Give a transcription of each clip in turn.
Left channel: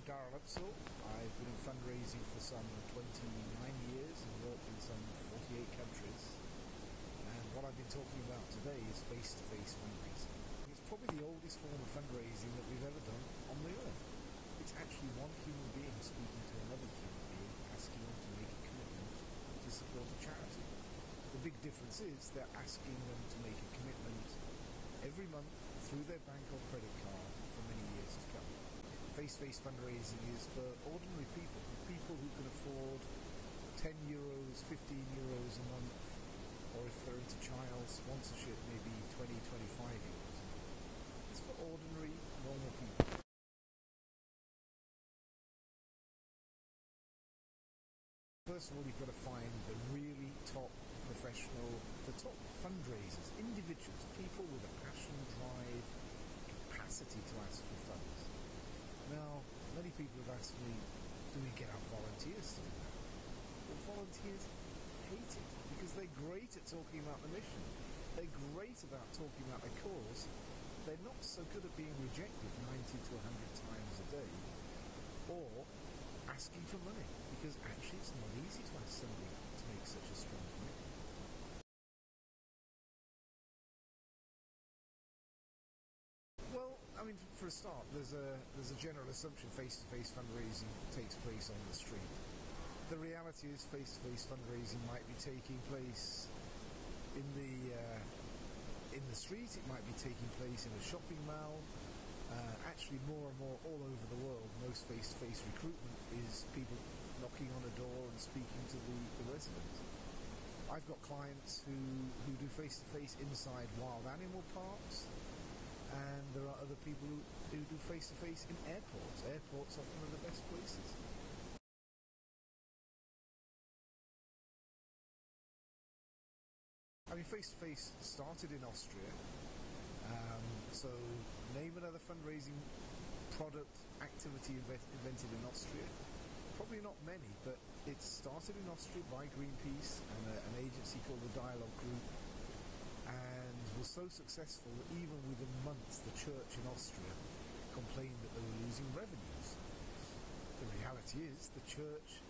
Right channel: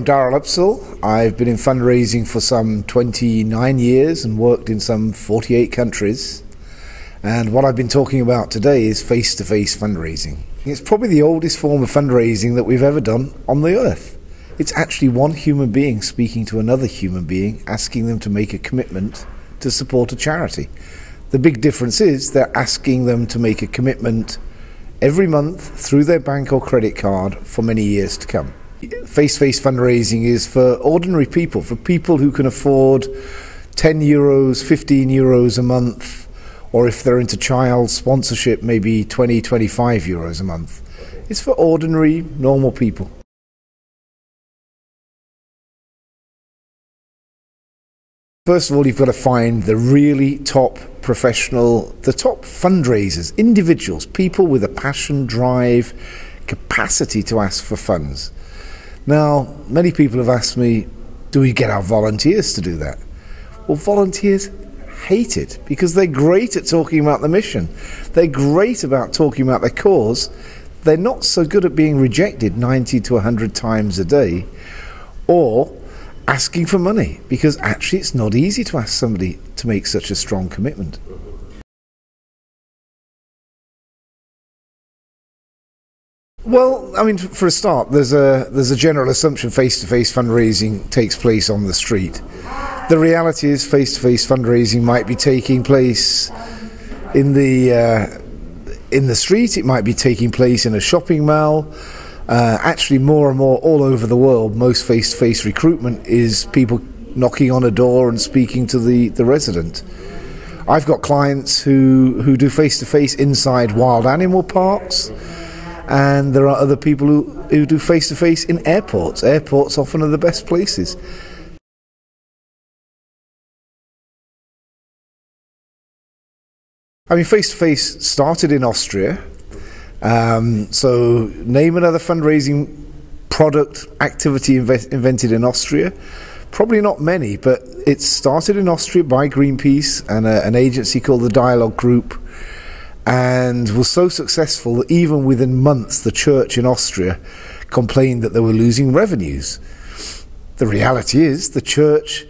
I'm Daryl Upsall. I've been in fundraising for some 29 years and worked in some 48 countries. And what I've been talking about today is face-to-face fundraising. It's probably the oldest form of fundraising that we've ever done on the earth. It's actually one human being speaking to another human being, asking them to make a commitment to support a charity. The big difference is they're asking them to make a commitment every month through their bank or credit card for many years to come. Face-to-face fundraising is for ordinary people, for people who can afford 10 euros, 15 euros a month, or if they're into child sponsorship, maybe 20, 25 euros a month. It's for ordinary, normal people. First of all, you've got to find the really top professional, the top fundraisers, individuals, people with a passion, drive, capacity to ask for funds. Now, many people have asked me, do we get our volunteers to do that? Well, volunteers hate it because they're great at talking about the mission. They're great about talking about their cause. They're not so good at being rejected 90 to 100 times a day or asking for money, because actually it's not easy to ask somebody to make such a strong commitment. Well, I mean, for a start, there's a general assumption face-to-face fundraising takes place on the street. The reality is face-to-face fundraising might be taking place in the street, it might be taking place in a shopping mall. Actually, more and more all over the world, most face-to-face recruitment is people knocking on a door and speaking to the resident. I've got clients who do face-to-face inside wild animal parks, and there are other people who do face-to-face in airports. Airports often are the best places. I mean, face-to-face started in Austria. So name another fundraising product activity invented in Austria. Probably not many, but it started in Austria by Greenpeace and an agency called the Dialogue Group, and was so successful that even within months the church in Austria complained that they were losing revenues. The reality is the church,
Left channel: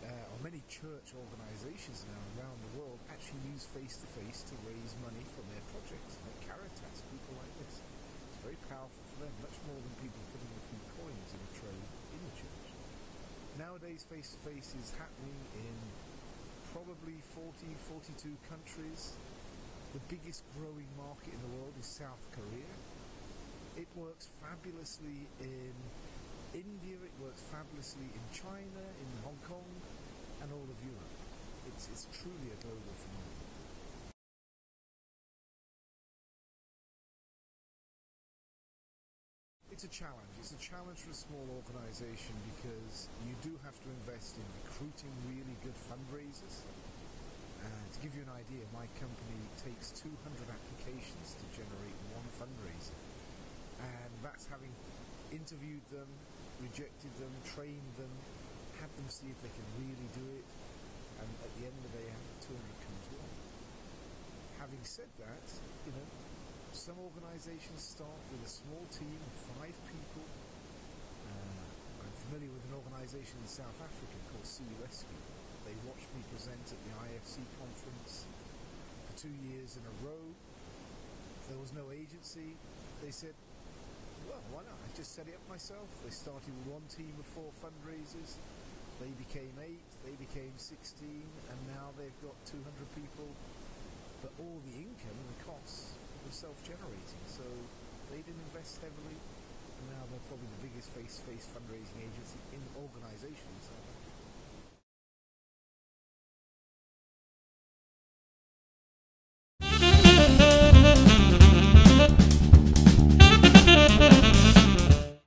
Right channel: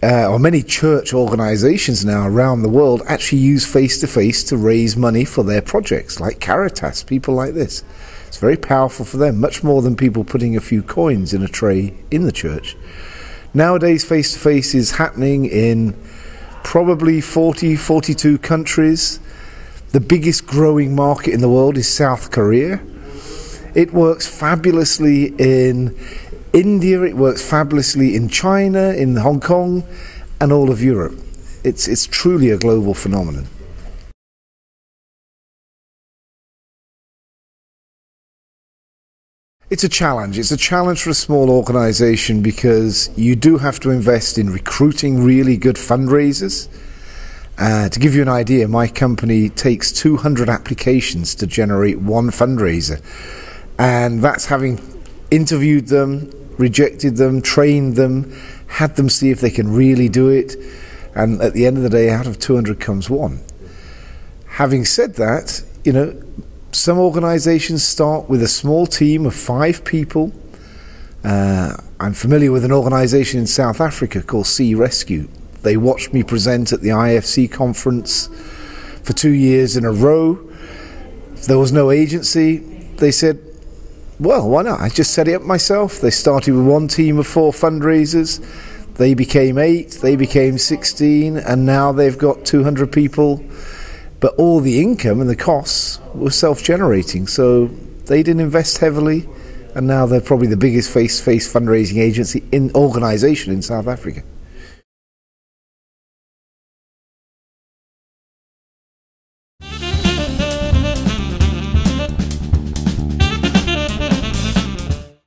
or many church organizations now around the world, actually use face-to-face to raise money for their projects, like Caritas, people like this. It's very powerful for them, much more than people putting a few coins in a tray in the church. Nowadays, face-to-face is happening in probably 40, 42 countries. The biggest growing market in the world is South Korea. It works fabulously in India, it works fabulously in China, in Hong Kong, and all of Europe. It's truly a global phenomenon. It's a challenge. It's a challenge for a small organization because you do have to invest in recruiting really good fundraisers. To give you an idea, my company takes 200 applications to generate one fundraiser, and that's having interviewed them, rejected them, trained them, had them see if they can really do it, and at the end of the day, out of 200 comes one. Having said that, you know, some organizations start with a small team of 5 people. I'm familiar with an organization in South Africa called Sea Rescue. They watched me present at the IFC conference for 2 years in a row. There was no agency. They said, well, why not? I just set it up myself. They started with one team of 4 fundraisers. They became 8, they became 16, and now they've got 200 people. But all the income and the costs were self-generating, so they didn't invest heavily, and now they're probably the biggest face-to-face fundraising agency organization in South Africa.